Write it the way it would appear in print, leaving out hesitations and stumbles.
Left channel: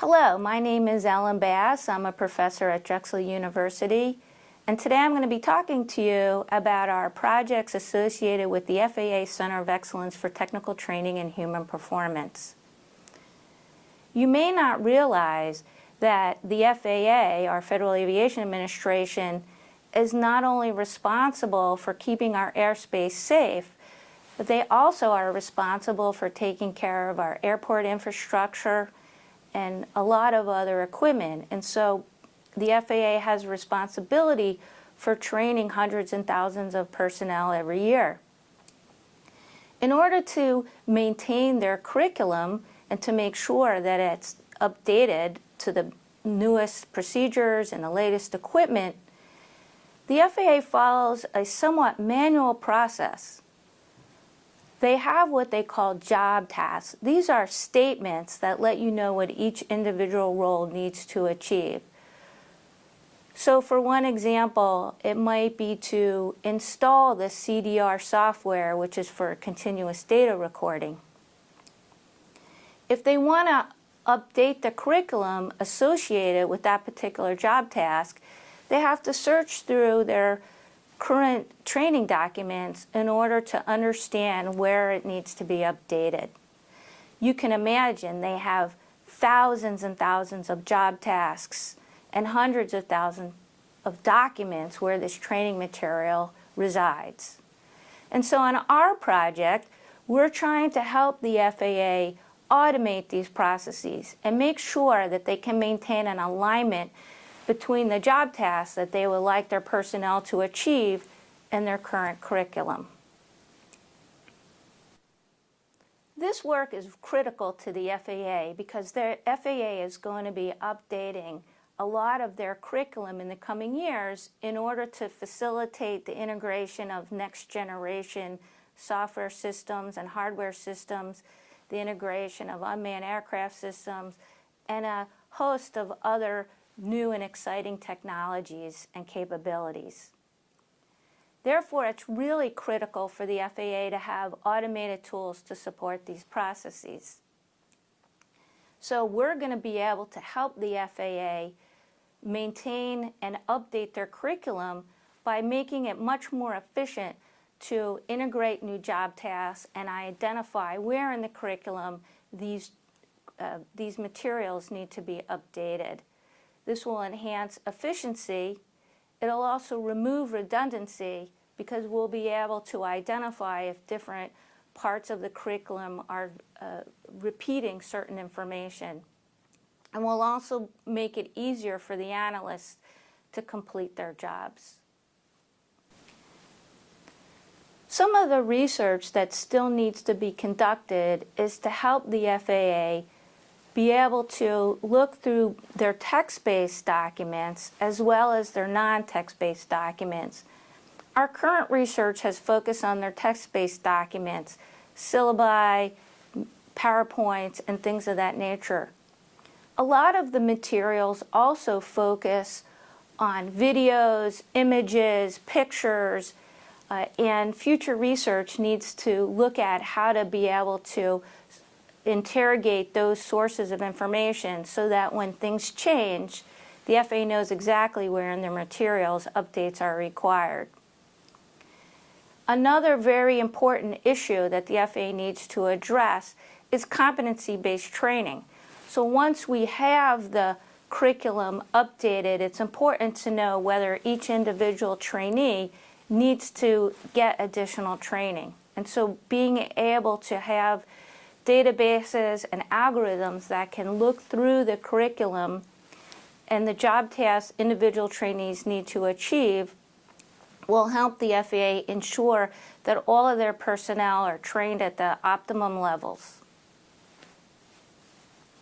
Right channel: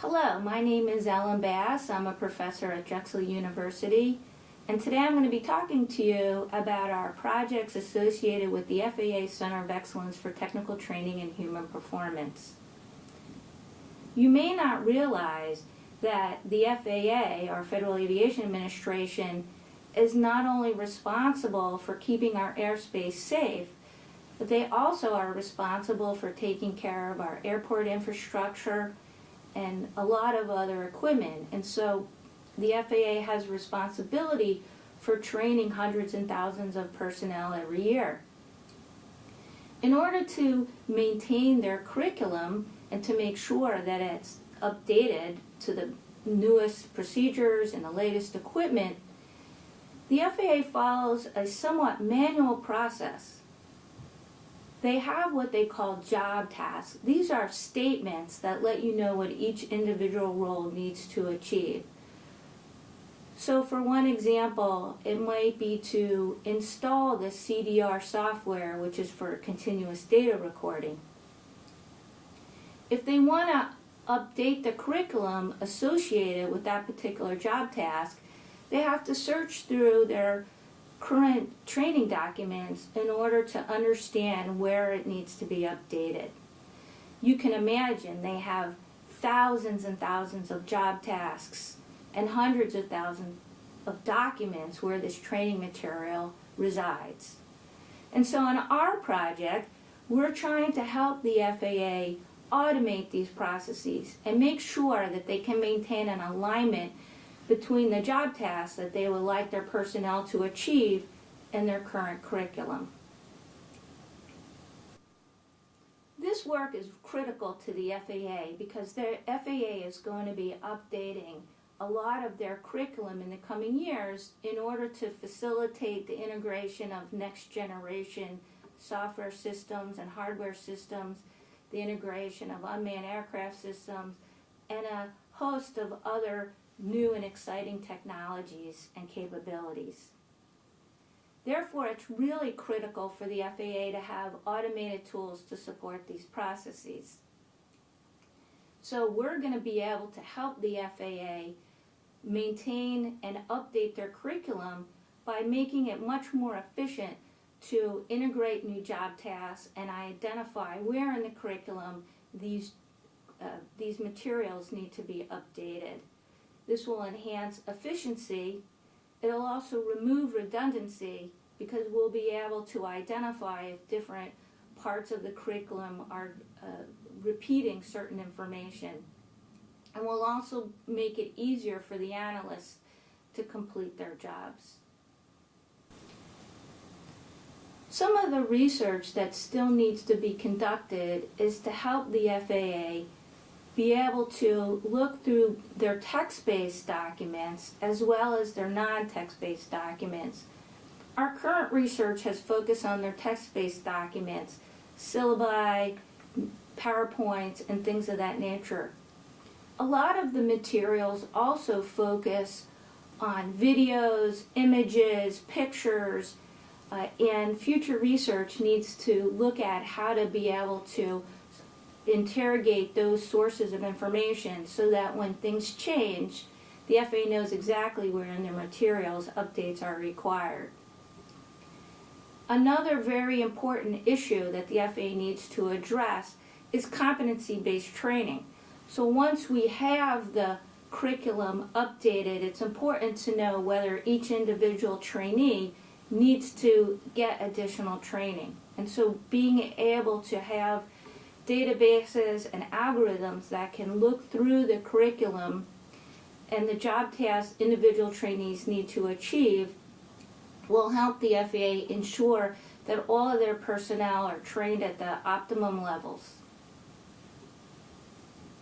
Hello, my name is Ellen Bass. I'm a professor at Drexel University, and today I'm going to be talking to you about our projects associated with the FAA Center of Excellence for Technical Training and Human Performance. You may not realize that the FAA, our Federal Aviation Administration, is not only responsible for keeping our airspace safe, but they also are responsible for taking care of our airport infrastructure and a lot of other equipment. And so the FAA has responsibility for training hundreds and thousands of personnel every year. In order to maintain their curriculum and to make sure that it's updated to the newest procedures and the latest equipment, the FAA follows a somewhat manual process. They have what they call job tasks. These are statements that let you know what each individual role needs to achieve. So for one example, it might be to install the CDR software, which is for continuous data recording. If they want to update the curriculum associated with that particular job task, they have to search through their current training documents in order to understand where it needs to be updated. You can imagine they have thousands and thousands of job tasks and hundreds of thousands of documents where this training material resides. And so on our project, we're trying to help the FAA automate these processes and make sure that they can maintain an alignment between the job tasks that they would like their personnel to achieve and their current curriculum. This work is critical to the FAA because the FAA is going to be updating a lot of their curriculum in the coming years in order to facilitate the integration of next generation software systems and hardware systems, the integration of unmanned aircraft systems, and a host of other new and exciting technologies and capabilities. Therefore, it's really critical for the FAA to have automated tools to support these processes. So we're going to be able to help the FAA maintain and update their curriculum by making it much more efficient to integrate new job tasks and identify where in the curriculum these materials need to be updated. This will enhance efficiency. It'll also remove redundancy because we'll be able to identify if different parts of the curriculum are repeating certain information. And we'll also make it easier for the analysts to complete their jobs. Some of the research that still needs to be conducted is to help the FAA be able to look through their text-based documents as well as their non-text-based documents. Our current research has focused on their text-based documents, syllabi, PowerPoints, and things of that nature. A lot of the materials also focus on videos, images, pictures, and future research needs to look at how to be able to interrogate those sources of information so that when things change, the FAA knows exactly where in their materials updates are required. Another very important issue that the FAA needs to address is competency-based training. So once we have the curriculum updated, it's important to know whether each individual trainee needs to get additional training. And so being able to have databases and algorithms that can look through the curriculum and the job tasks individual trainees need to achieve will help the FAA ensure that all of their personnel are trained at the optimum levels.